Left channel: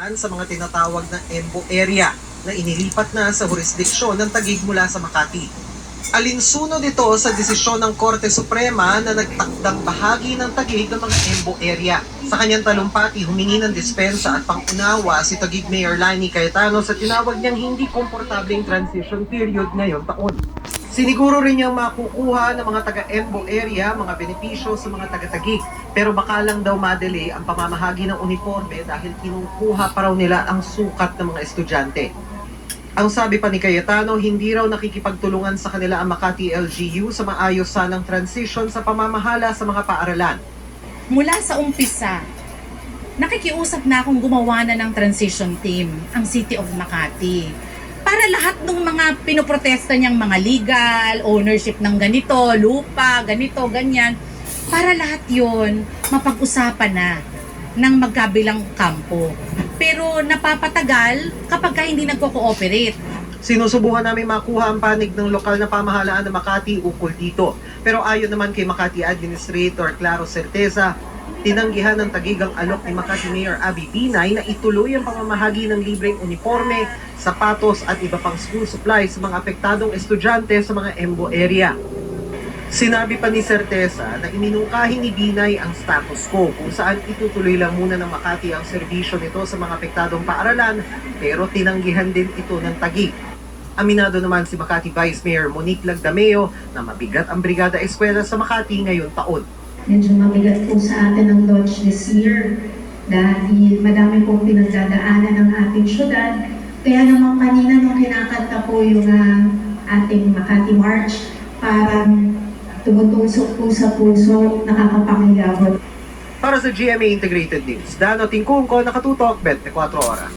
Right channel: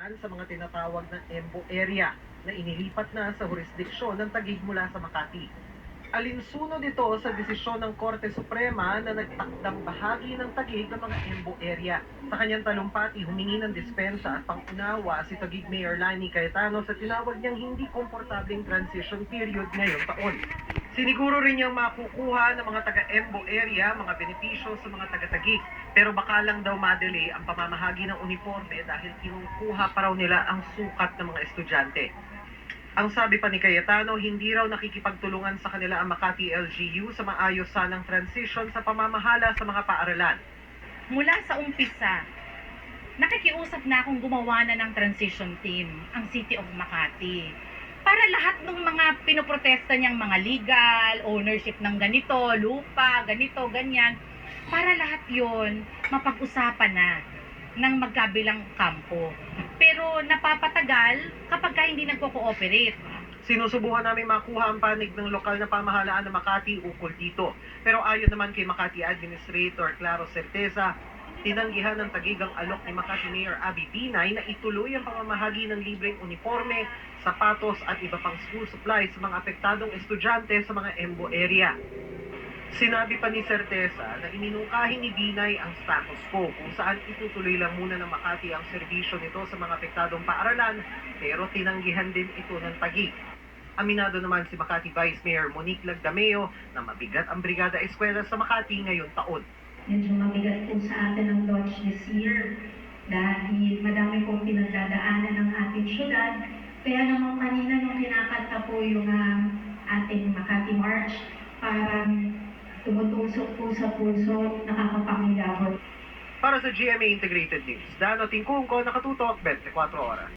sa mga tinatawag na EMBO area na inilipat na sa jurisdiksyon ng Taguig mula sa Makati. Alinsunod ito sa desisyon ng Korte Suprema na nagtakdang bahagi ng Taguig ng mga EMBO area. Sa kanyang talumpati, humingi ng dispensa at pangunawa si Taguig Mayor Lani Cayetano sa tinawag niyang hindi komportableng transition period ngayong taon. Siniguro rin niyang makukuha ng mga taga-EMBO area mga benepisyo sa mga taga-Taguig. Pero baka lang daw madali ang pamamahagi ng uniforme dahil kinukuha pa raw nila ang sukat ng mga estudyante. Ang sabi pa ni Cayetano, hindi raw nakikipagtulungan sa kanila ang Makati LGU sa maayos sanang transition sa pamamahala sa mga paaralan. Mula sa umpisa, nakikiusap na akong gumawa na ng transition team, ang City of Makati. Para lahat ng mga pinoprotesta niyang mga legal, ownership ng ganito, lupa, ganito, ganyan, para lahat yon mapag-usapan na ng magkabilang kampo. Pero napapatagal kapag hindi nagko-cooperate. Sinusubukan namin makuha ang panig ng lokal na pamahalaan ng Makati ukol dito. Pero ayon naman kay Makati Administrator Claro Certeza, tinanggihan ng Taguig ang alok ni Makati Mayor Abby Binay na ituloy ang pamamahagi ng libreng uniforme, sapatos at iba pang school supplies sa mga apektadong estudyante sa mga EMBO area. Sinabi pa ni Certeza na iminungkahi ni Binay ang status quo kung saan itutuloy lang muna ng Makati ang serbisyo nito sa mga apektadong paaralan pero tinanggihan din ito ng Taguig. Aminado naman si Makati Vice Mayor Monique Lagdameo na mabigat ang Brigada Eskwela sa Makati ngayong taon. Medyo mabigat po sa atin ang launch this year dahil madami pong pinagdadaanan ng ating syudad. Kaya naman kanina nung kinakanta po yung ating Makati March, parang tumutusok po sa puso, nakakapangilabot. Para sa GMA Integrated News, Dano Tingkungko, nakatutok 24 oras.